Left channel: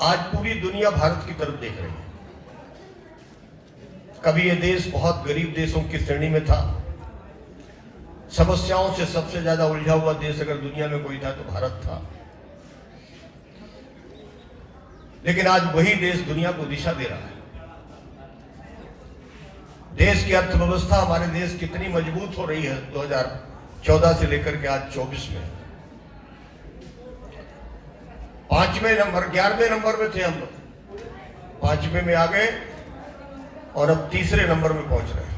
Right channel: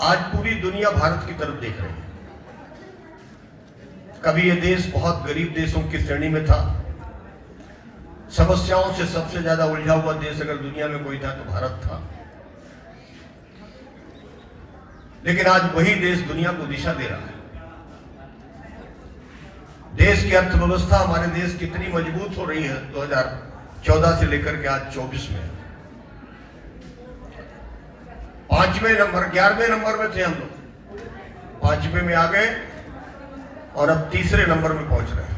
आज पूरी दुनिया भारत की तरफ देख रही है। कभी ये देश बहुत गरीब देशों की श्रेणी में था, समस्याओं से सबसे ज्यादा उलझा हुआ देश अगर दुनिया में कोई था तो भारत था। लेकिन आज वही देश दुनिया को दिशा दे रहा है। देश की अर्थव्यवस्था, हमारे देश कितनी मजबूत हो रही है 2014 से लेकर के आज 24 में। 5वें नंबर 11वें नंबर में थे हम लोग, 5वें में आ गए और अब 3रे नंबर में पहुंच रहे हैं।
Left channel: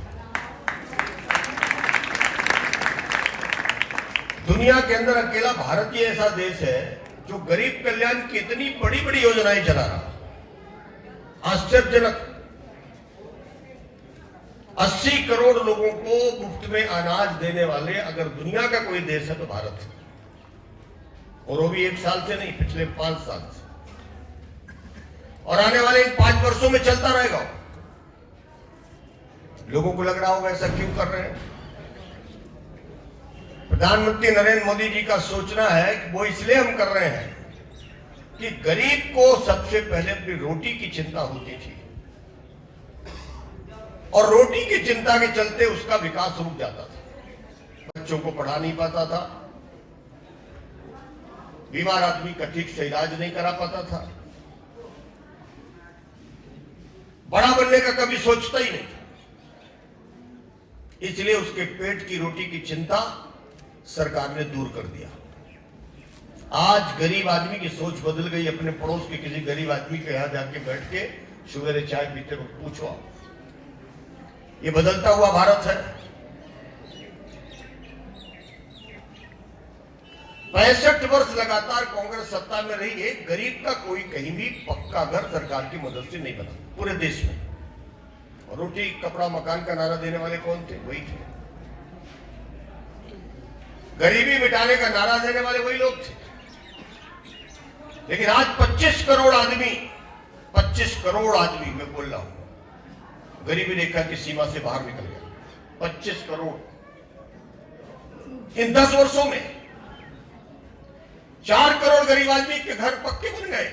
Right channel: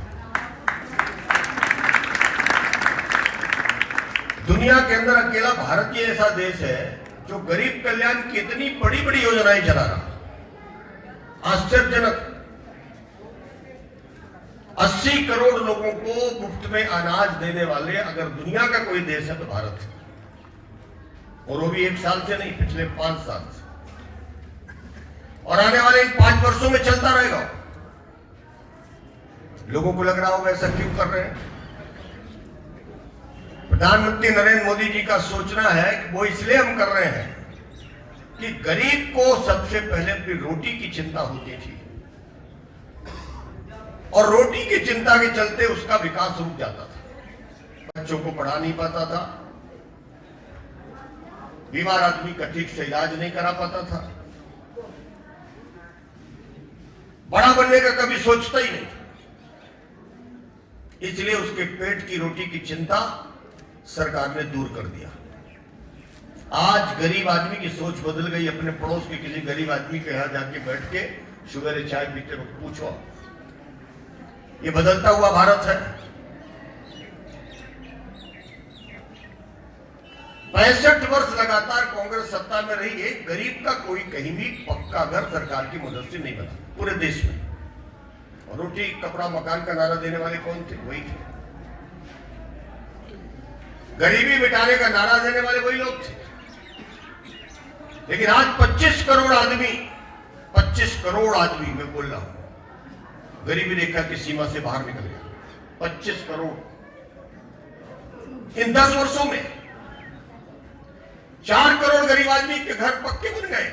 दुनिया के अंदर अकेला भारत ही ऐसा देश है जो गरीब कल्याण की इतनी बड़ी बड़ी योजनाएं चला रहा। आश्चर्यजनक 80 करोड़ लोगों को मुफ्त में अनाज देने वाले अगर दुनिया का कोई देश है तो भारत है। और वो भी 1 साल से नहीं, पिछले 5 साल से, और आने वाले 5 वर्षों में चलता रहेगा। लोगों को लग रहा होगा ऐसा क्यों कर रहे हैं। प्रधानमंत्री नरेंद्र मोदी जी का सोचना है कि वो इसलिए हम कर रहे हैं कि गरीब को सबसे पहले अपनी रोटी की चिंता होती थी और रोटी की चिंता के चलते उसका विकास रुक जाता था। बच्चों को पढ़ा नहीं पाता था, बीमार आदमी का ठीक से इलाज नहीं करा पाता था, बड़ा बनने का कभी सोचता ही नहीं। इसलिए उसके पेट की रोटी की चिंता सरकार ने दूर कर दिया। आज गरीब आदमी की सोच बदल गई। अपने पड़ोस के किसी गरीब आदमी के यहां जाके बैठ के सवेरे चाय पीते वक्त पूछो, ये बदलता हुआ भारत है। 65 वर्ष लगातार कांग्रेस सत्ता में रही है, गरीब का कोई कहीं भी पक्का घर सरकार की मदद से नहीं बना पूरे देश में। और रोटी कपड़ा मकान का नारा देने वाले कौन थे? वही थे। गरीबी मिटाने का नारा देने वाले वही लोग थे। लेकिन आज 25 करोड़ आदमी मैं बोल रहा हूं, गरीबी रेखा की सीमा से बाहर निकल गया। 25 करोड़ इन 10 वर्षों में। 4 करोड़ गरीब आदमी के घर पक्के बन गए।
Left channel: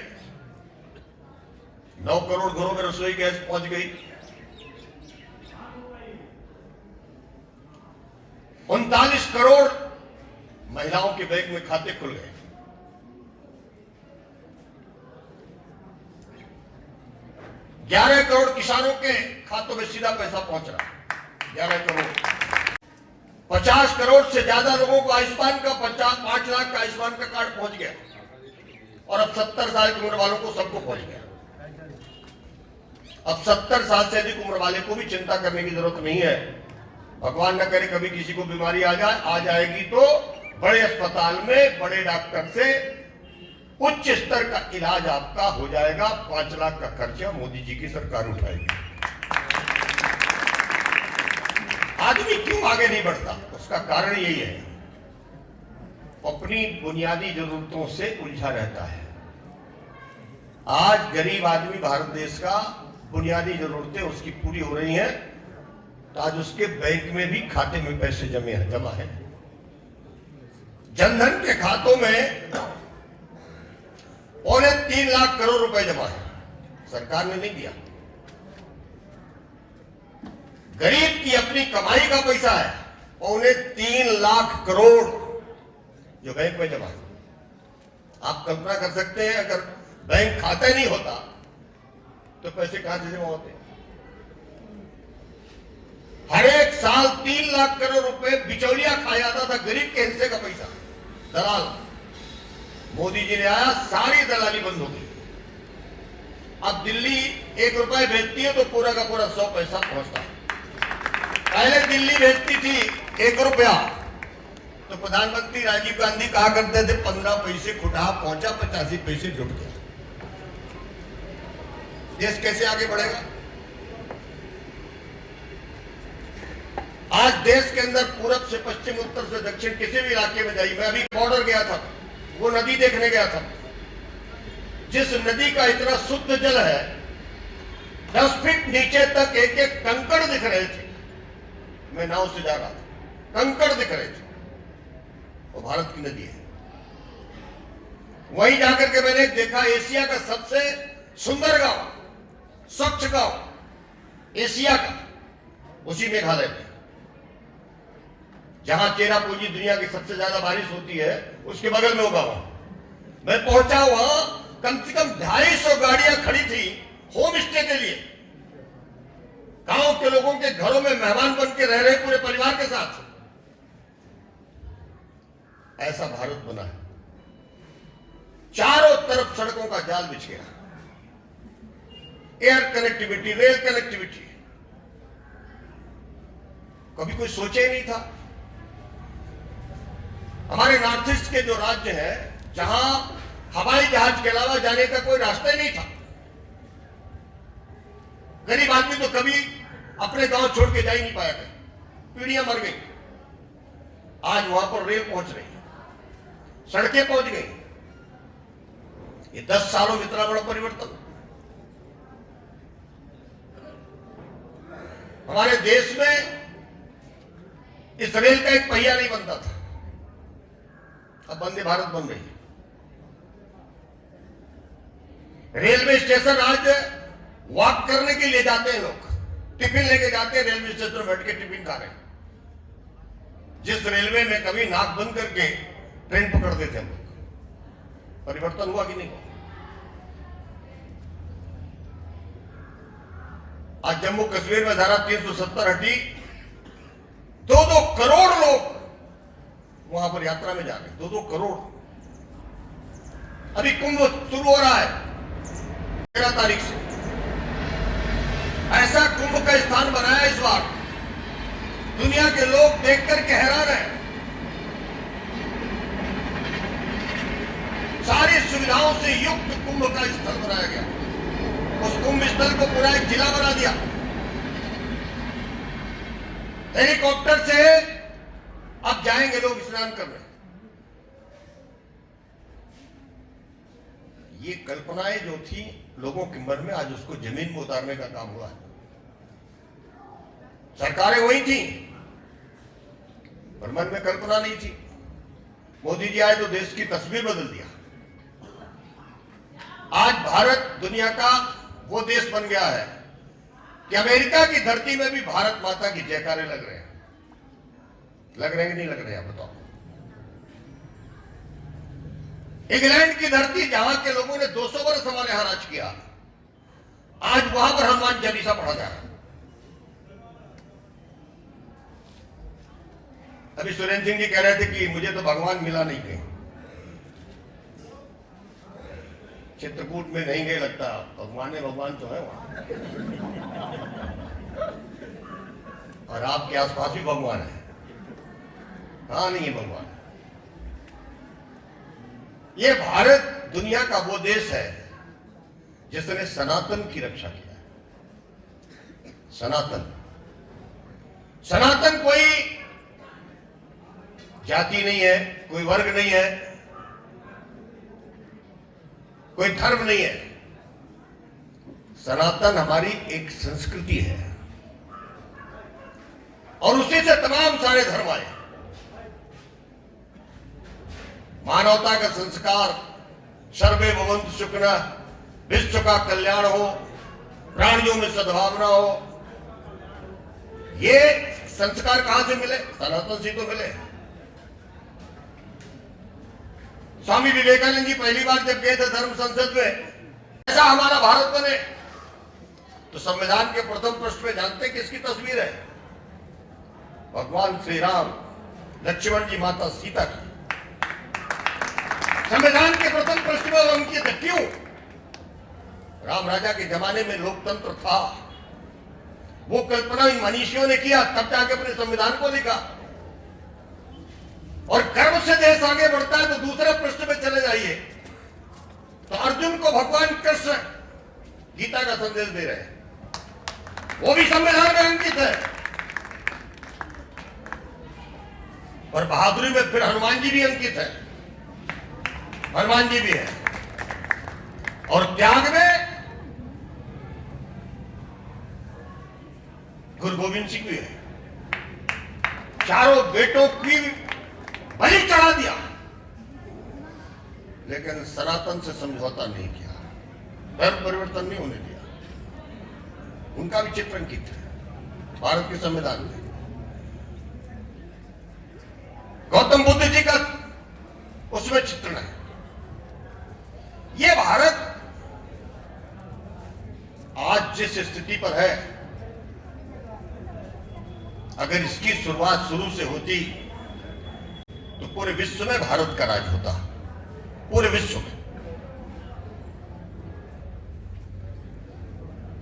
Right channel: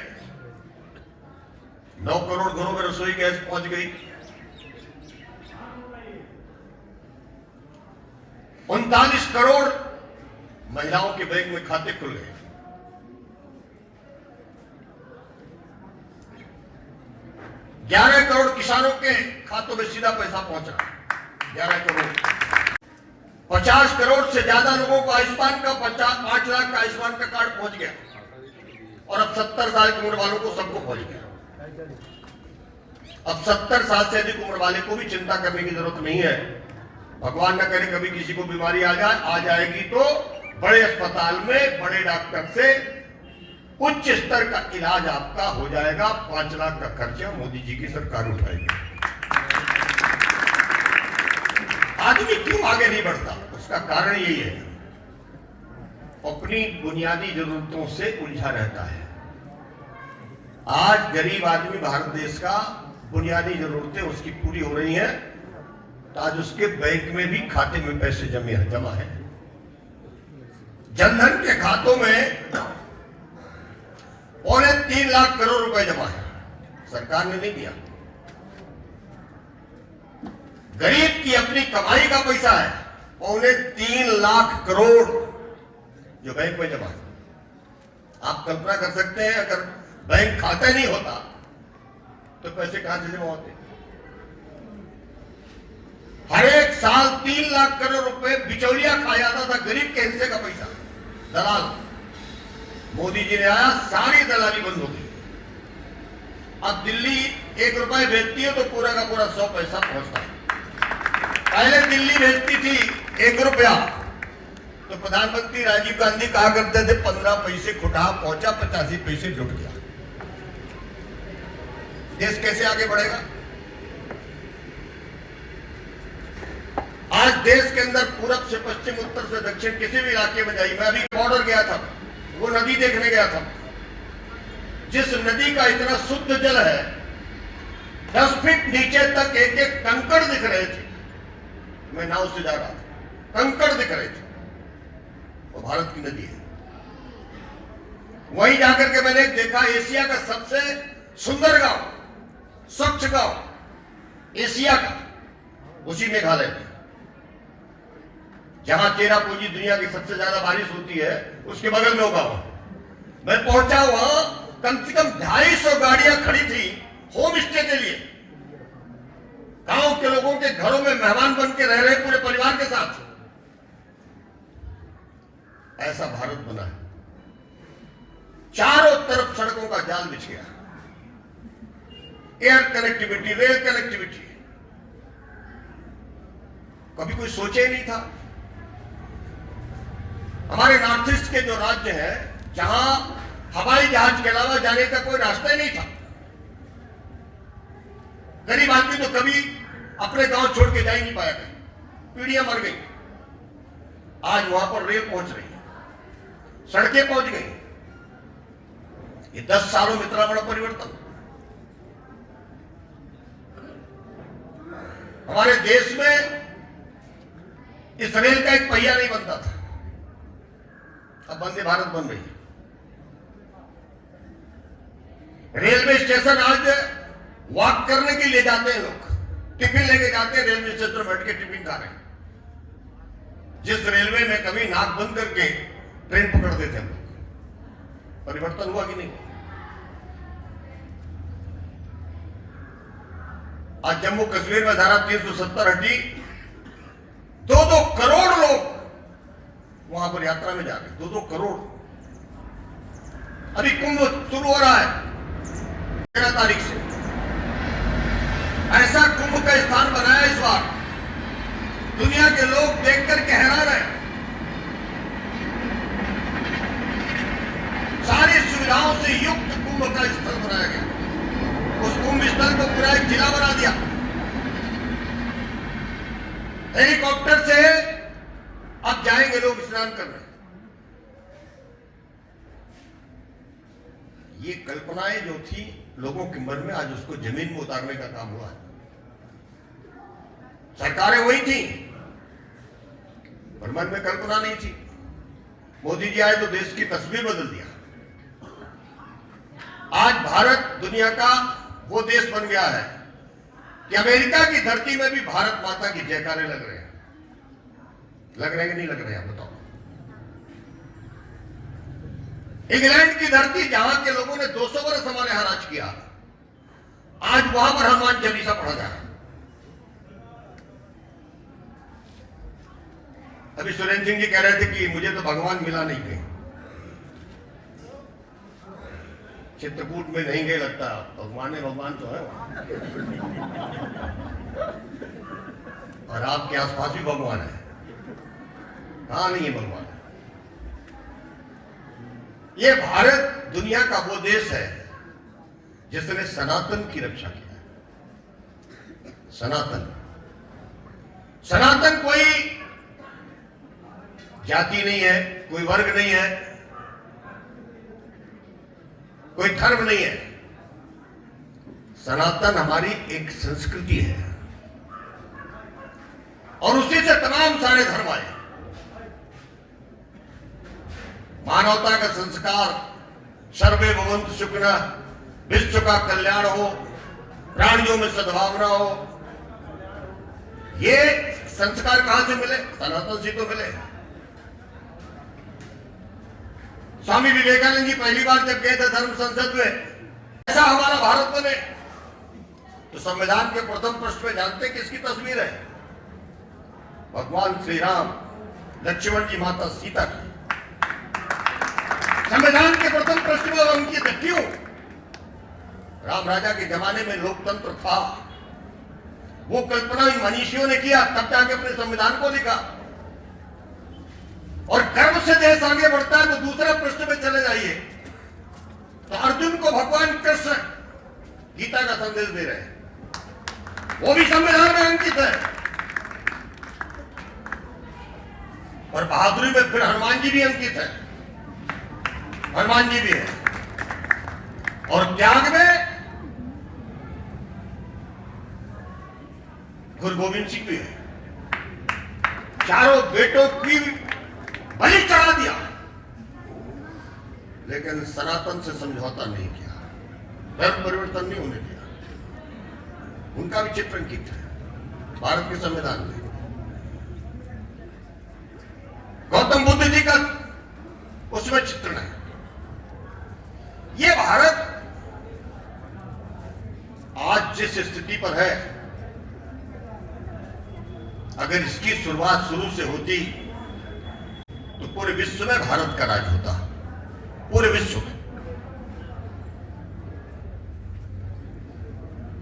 9 करोड़ घरों में रसोई गैस पहुंच गई। 39 करोड़ महिलाओं के बैंक में खाते खुल गए। 11 करोड़ किसानों के खातों में सीधा पैसा पहुंचा। 11 करोड़। 50 करोड़ से ज्यादा लोगों को आयुष्मान का 5 लाख का आयुष्मान का कार्ड पहुंच गया। और अब 70 साल की उम्र वालों को सबको पहुंच गया। अब 70 साल से अधिक उम्र वाले को भी चिंता करने की जरूरत नहीं है। भगवान न करे कभी किसी को बीमारी आ जाएगी तो बड़े अस्पताल में बड़े डॉक्टर से उच्च स्तर का इलाज आपका हो जाएगा। 5 लाख का खर्चा मोदी जी की सरकार उठाएगी। आदमी क्यों आगे नहीं बढ़ता? उसका कारण यही है, अपनी बुनियादी जरूरतों से उलझा रहता है। आज गरीब आदमी भारत देश का बुनियादी जरूरतें उसकी पूरी हो रही हैं तो आज उसके बैंक में भी खाते में पैसे जमा है। जनधन के खातों में 3.25 लाख करोड़ रुपए जमा है। सरकार ने नहीं दिया। गरीब की अपनी कमाई का पैसा है 3.25 लाख करोड़ जो बैंक में जमा है। आप कल्पना कर सकते हैं अगर बैंक खाता ही नहीं होता तो पैसे कहां से जमा होते? हर एक साल 3 लाख करोड़ रुपए बिचौलिया खा जाता था, गरीब के हिस्से का पैसा। दलाल, मोदी जी ने आया, सारी दलाली बंद हो गई। अब दिल्ली 1 रुपए भेजती है तो पूरा का पूरा 100 पैसा पहुंचता है। पहले दिल्ली भेजती थी 1 रुपया तो प्रधानमंत्री राजीव गांधी कहा करते थे 15 पैसे खुटा पहुंचा, 85 पैसे जुट गया। देश कैसे आगे बढ़ेगा? आज देश के अंदर पूरब से पश्चिम, उत्तर से दक्षिण, किसी भी इलाके में जाइए। मैं अभी बॉर्डर गया था, वो नदी देखने गया था। जिस नदी का इतना शुद्ध जल है, 10 फीट नीचे तक एक एक कंकड़ दिख रहे थे। मैं नाव से जा रहा था, कंकड़ दिख रहे थे। वो भारत की नदी है। वहीं जाकर के मैंने देखा एशिया का सबसे सुंदर गांव, स्वच्छ गांव एशिया का, उसी मेघालय में, जहां चेरापूंजी दुनिया की सबसे ज्यादा बारिश होती है, उसके बगल में वो गांव। मैं पहुंचा, वहां कम से कम 250 गाड़ियां खड़ी थी होम स्टे के लिए। गांव के लोगों के घरों में मेहमान बन के रह रहे पूरे परिवार के साथ। ऐसा भारत बना है। चारों तरफ सड़कों का जाल बिछ गया, एयर कनेक्टिविटी, रेल कनेक्टिविटी। कभी कोई सोचे नहीं था। हमारे नॉर्थ ईस्ट के जो राज्य हैं, जहां हवाई जहाज के अलावा जाने का कोई रास्ता ही नहीं था, गरीब आदमी तो कभी अपने गांव छोड़ के जा ही नहीं पाया, पीढ़ियां मर गई। आज वहां पर रेल पहुंच रही है, सड़कें पहुंच गई। ये 10 सालों में इतना बड़ा परिवर्तन। हमारे देश में इस रेल का एक पहिया नहीं बनता था, अब वंदे भारत बन रही है। रेलवे स्टेशन आज वॉक करने के लिए जाते हैं लोग, टिफिन लेके जाते हैं, रेलवे स्टेशन में बैठ के टिफिन खा रहे हैं। जिस रेलवे में कभी नाक बंद करके ट्रेन पकड़ते थे लोग, परिवर्तन हुआ कि नहीं हुआ? आज जम्मू कश्मीर में धारा 370 हटी, 2-2 करोड़ लोग वहां पर यात्रा में जा रहे हैं, 2-2 करोड़। अभी कुंभ शुरू हो रहा है 13 तारीख से। ऐसा कुंभ का स्थान बनाया इस बार, दुनिया के लोग देखकर के हैरान हैं। सारी सुविधाओं से युक्त कुंभ का स्थल बनाया गया। उस कुंभ स्थल को पूरा एक जिला बना दिया। हेलीकॉप्टर से अब जाएंगे लोग स्नान करने। ये कल्पनाएं जो थी लोगों के मन में, आज उसको जमीन में उतारने का काम हुआ है। सरकारें वही थी, पर मन में कल्पना नहीं थी। मोदी जी आए तो देश की तस्वीर बदल दिया। आज भारत दुनिया का वो देश बन गया है कि अमेरिका की धरती में भी भारत माता की जयकारे लग रहे हैं। लग रहे हैं कि नहीं लग रहे हैं, बताओ। इंग्लैंड की धरती, जहां के लोगों ने 200 वर्ष हमारे यहां राज किया, आज वहां पर हनुमान चालीसा पढ़ा जाए। अभी सुरेंद्र सिंह जी कह रहे थे कि मुझे तो भगवान मिला नहीं कहीं, चित्रकूट में नहीं गए, लगता भगवान है, भगवान तो है वहां, और आपके आसपास भी भगवान है। कहां नहीं है भगवान? ये भारत दुनिया का वो देश है जिसने सनातन की रक्षा किया है। सनातन, सनातन कोई जाति नहीं है, कोई वर्ग नहीं है, कोई धर्म नहीं है। सनातन हमारी एक संस्कृति है, और उसी से तमाम सारे धर्म आए। मानवता का संस्कार, सर्वे भवन्तु सुखिनः, विश्व का कल्याण हो, प्राणियों में सद्भावना हो, ये संस्कार कहां से मिले? सनातन से तो मिले। स्वामी विवेकानंद जी पहली बार जब गए थे धर्म संसद में, ऐसा हमारा भारत बने, तो संविधान के प्रथम पृष्ठ में जानते किसकी तस्वीर है? भगवान श्री राम, लक्ष्मण जी, माता सीता की। संविधान के प्रथम पृष्ठ में अंकित है। क्यों? राम राजा के जमाने में लोकतंत्र था, वो कल्पना इन मनीषियों ने किया, तब जाके अपने संविधान को लिखा। और गर्व से देश आगे बढ़ता है तो दूसरे पृष्ठ में चले जाइए, तो अर्जुन को भगवान कृष्ण गीता का संदेश दे रहे हैं, वो भी संविधान में अंकित है। और बहादुरी में फिर हनुमान जी भी अंकित है, हनुमान जी भी है। और त्याग में गुरु गोविंद सिंह भी है। चारों बेटों की बलि चढ़ा दिया। लेकिन सनातन से समझौता नहीं किया, धर्म परिवर्तन नहीं होने दिया। उनका भी चित्र अंकित है भारत के संविधान में। गौतम बुद्ध जी का उसमें चित्रण है। ये भारत आज जिस स्थिति पर है, अगर इसकी शुरुआत शुरू से होती तो पूरे विश्व में भारत का राज होता, पूरे विश्व में।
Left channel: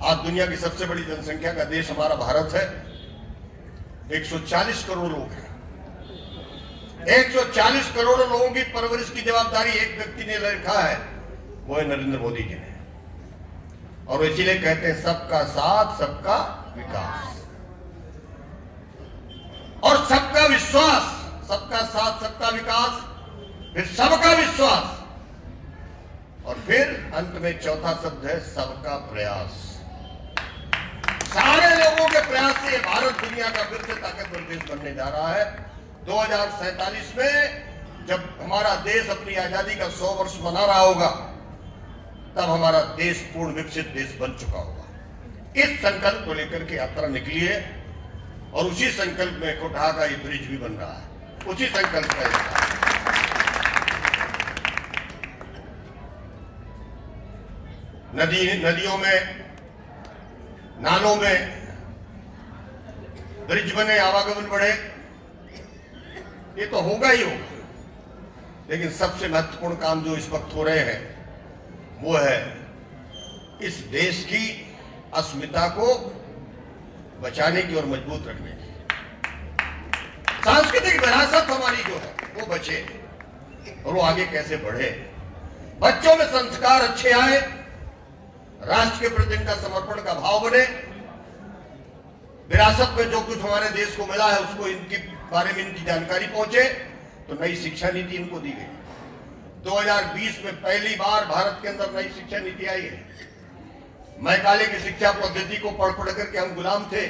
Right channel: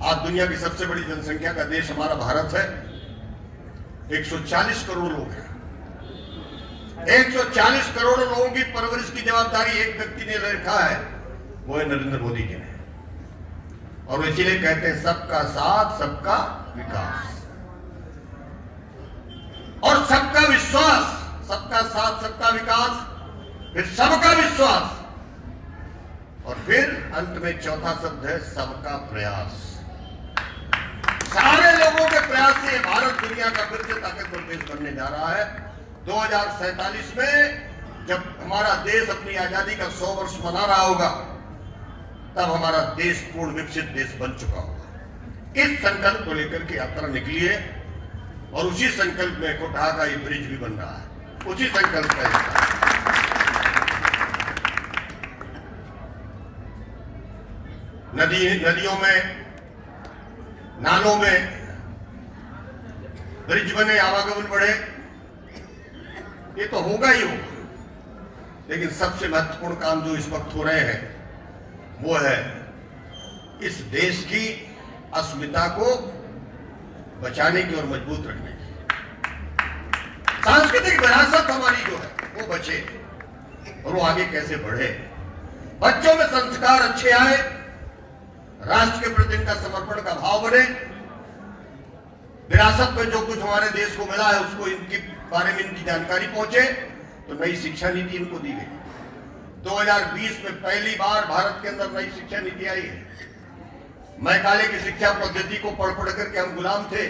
आज दुनिया की सबसे बड़ी जनसंख्या का देश हमारा भारत है। 140 करोड़ लोग हैं। 140 करोड़ लोगों की परवरिश की जवाबदारी एक व्यक्ति ने रखा है, वो है नरेंद्र मोदी जी ने। और इसीलिए कहते हैं सबका साथ सबका विकास और सबका विश्वास। सबका साथ सबका विकास, फिर सबका विश्वास, और फिर अंत में चौथा शब्द है सबका प्रयास। सारे लोगों के प्रयास से भारत दुनिया का फिर से ताकतवर देश बनने जा रहा है। 2047 में जब हमारा देश अपनी आजादी का 100 वर्ष मना रहा होगा, तब हमारा देश पूर्ण विकसित देश बन चुका होगा। इस संकल्प को लेकर के यात्रा निकली है और उसी संकल्प में कोटहा का ये ब्रिज भी बन रहा है, उसी संकल्प का हिस्सा। नदियों में, नालों में ब्रिज बने, आवागमन बढ़े, ये तो होगा ही होगा। लेकिन सबसे महत्वपूर्ण काम जो इस वक्त हो रहे हैं वो है इस देश की अस्मिता को बचाने की और मजबूत रखने की। सांस्कृतिक विरासत हमारी जो है वो बचे और वो आगे कैसे बढ़े। बच्चों में संस्कार अच्छे आए, राष्ट्र के प्रति इनका समर्पण का भाव बने, विरासत में जो कुछ हमारे देश को मिला है उसको इनके बारे में इनकी जानकारी पहुंचे। तो नई शिक्षा नीति इनको दी गई। 2020 में पहली बार भारत के अंदर नई शिक्षा नीति आई है। मैकाले की शिक्षा पद्धति को पढ़ पढ़ करके हम गुलाम थे,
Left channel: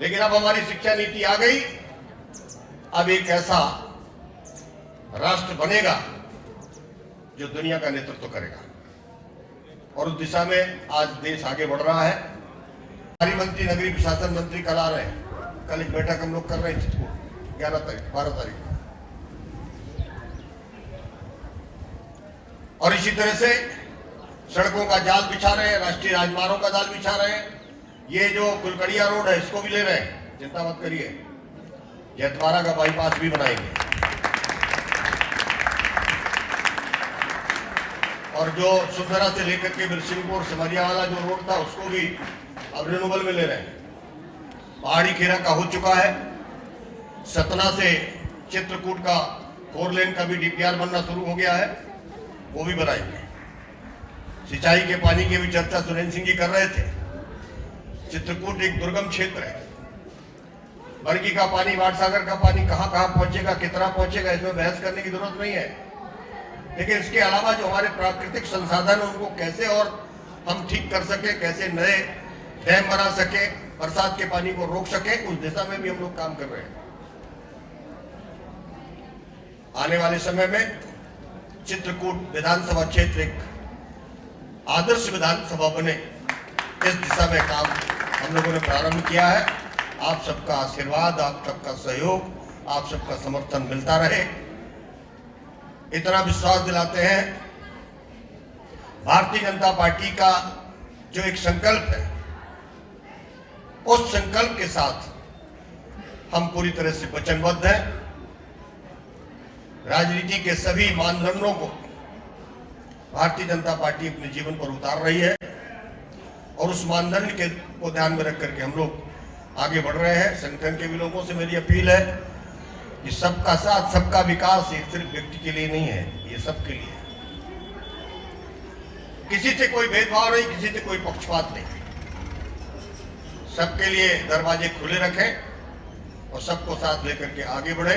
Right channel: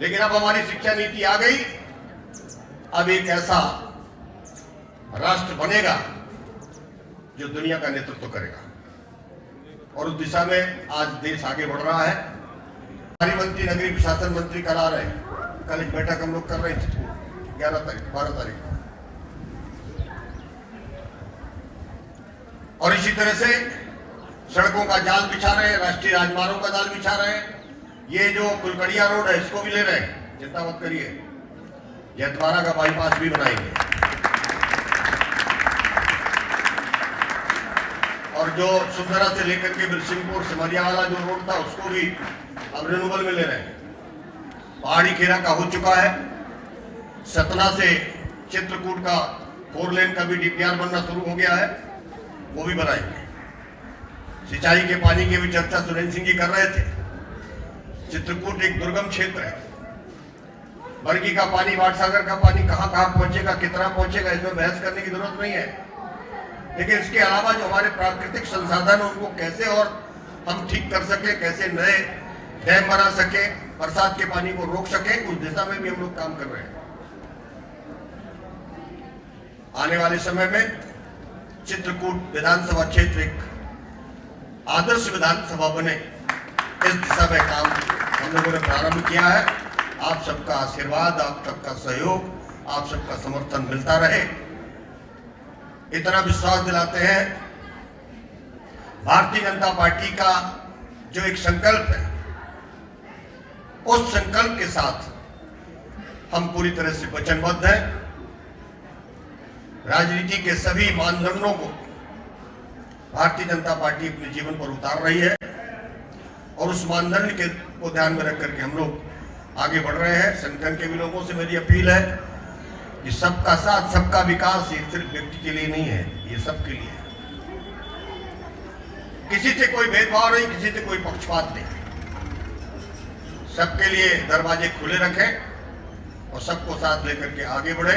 लेकिन अब हमारी शिक्षा नीति आ गई। अब एक ऐसा राष्ट्र बनेगा जो दुनिया का नेतृत्व करेगा और उस दिशा में आज देश आगे बढ़ रहा है। हमारी मंत्री, नगरीय प्रशासन मंत्री करा रहे हैं। कल एक बैठक हम लोग कर रहे हैं 12 तारीख को। और इसी तरह से सड़कों का जाल बिछा रहे हैं, राष्ट्रीय राजमार्गों का जाल बिछा रहे हैं। ये जो कुलकड़िया रोड है इसको भी ले रहे हैं, चिंता मत करिए। जयद्वारा का बाईपास भी बनाएंगे और जो सुंदरा से लेकर के बिरसिंहपुर सिमरिया वाला जो रोड था उसको भी अब रिन्यूअल में ले रहे हैं। पहाड़ी खेरा का हो चुका है। सतना से चित्रकूट का 4 लेन का भी डीपीआर बनना शुरू हो गया है, वो भी बनाएंगे। सिंचाई के पानी की भी चर्चा सुरेंद्र सिंह जी कर रहे थे। चित्रकूट एक दुर्गम क्षेत्र है। बरगी का पानी, वाटसागर का पानी कहां कहां पहुंचेगा, कितना पहुंचेगा, इसमें बहस करने की जरूरत नहीं है। लेकिन इसके अलावा जो हमारे प्राकृतिक संसाधन है उनको कैसे और हम ठीक कर सके, कैसे नए डैम बना सके, बरसात के पानी को रोक सके, उस दिशा में भी हम लोग काम कर रहे हैं। आने वाले समय में चित्रकूट विधानसभा क्षेत्र एक आदर्श विधानसभा बने, इस दिशा में काम हम लोगों ने प्रारंभ किया है। आप सबका आशीर्वाद, आप सबका सहयोग, आप सबका समर्थन मिलता रहे, इतना विश्वास दिलाते हैं। भारतीय जनता पार्टी का जो एक संकल्प है, उस संकल्प के साथ हम पूरी तरह से वचनबद्ध हैं। राजनीति के सभी मानदंडों को भारतीय जनता पार्टी अपने जीवन पर उतार रही है और उस मानदंड के को ध्यान में रख करके हम लोग आगे बढ़ रहे हैं। संगठन के भी लोगों से मेरी अपील है कि सबका साथ सबका विकास ये सिर्फ व्यक्ति के लिए नहीं है, ये सबके लिए है। किसी से कोई भेदभाव नहीं, किसी से कोई पक्षपात नहीं। सबके लिए दरवाजे खुले रखें और सबको साथ लेकर के आगे बढ़े।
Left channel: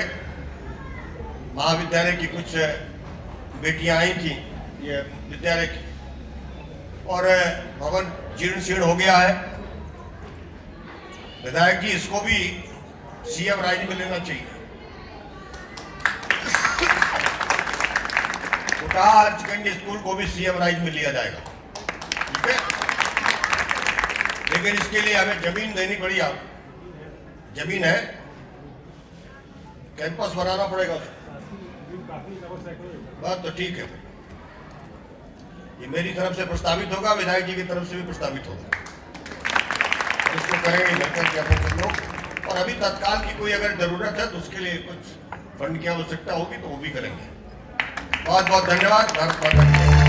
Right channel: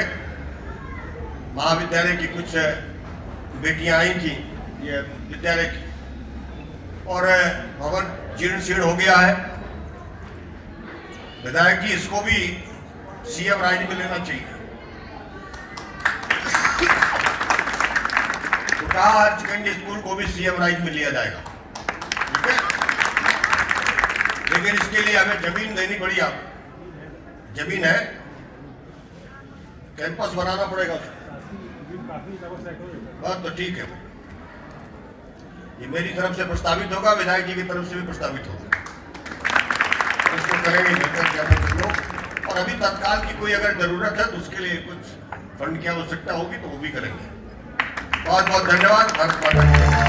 महाविद्यालय की कुछ बेटियां आई थी ये विद्यालय की, और भवन जीर्ण शीर्ण हो गया है। विधायक जी इसको भी सीएम राज में लेना चाहिए। कहा हायर सेकेंडरी स्कूल को भी सीएम राइज में लिया जाएगा, ठीक है। लेकिन इसके लिए हमें जमीन देनी पड़ी। आप जमीन है, कैंपस बनाना पड़ेगा, बात तो ठीक है। ये मेरी तरफ से प्रस्तावित होगा, विधायक जी की तरफ से भी प्रस्तावित होगा, इसको करेंगे बेहतर क्या कर लो। और अभी तत्काल की कोई अगर जरूरत है तो उसके लिए कुछ फंड की आवश्यकता होगी तो वो भी करेंगे। बहुत बहुत धन्यवाद।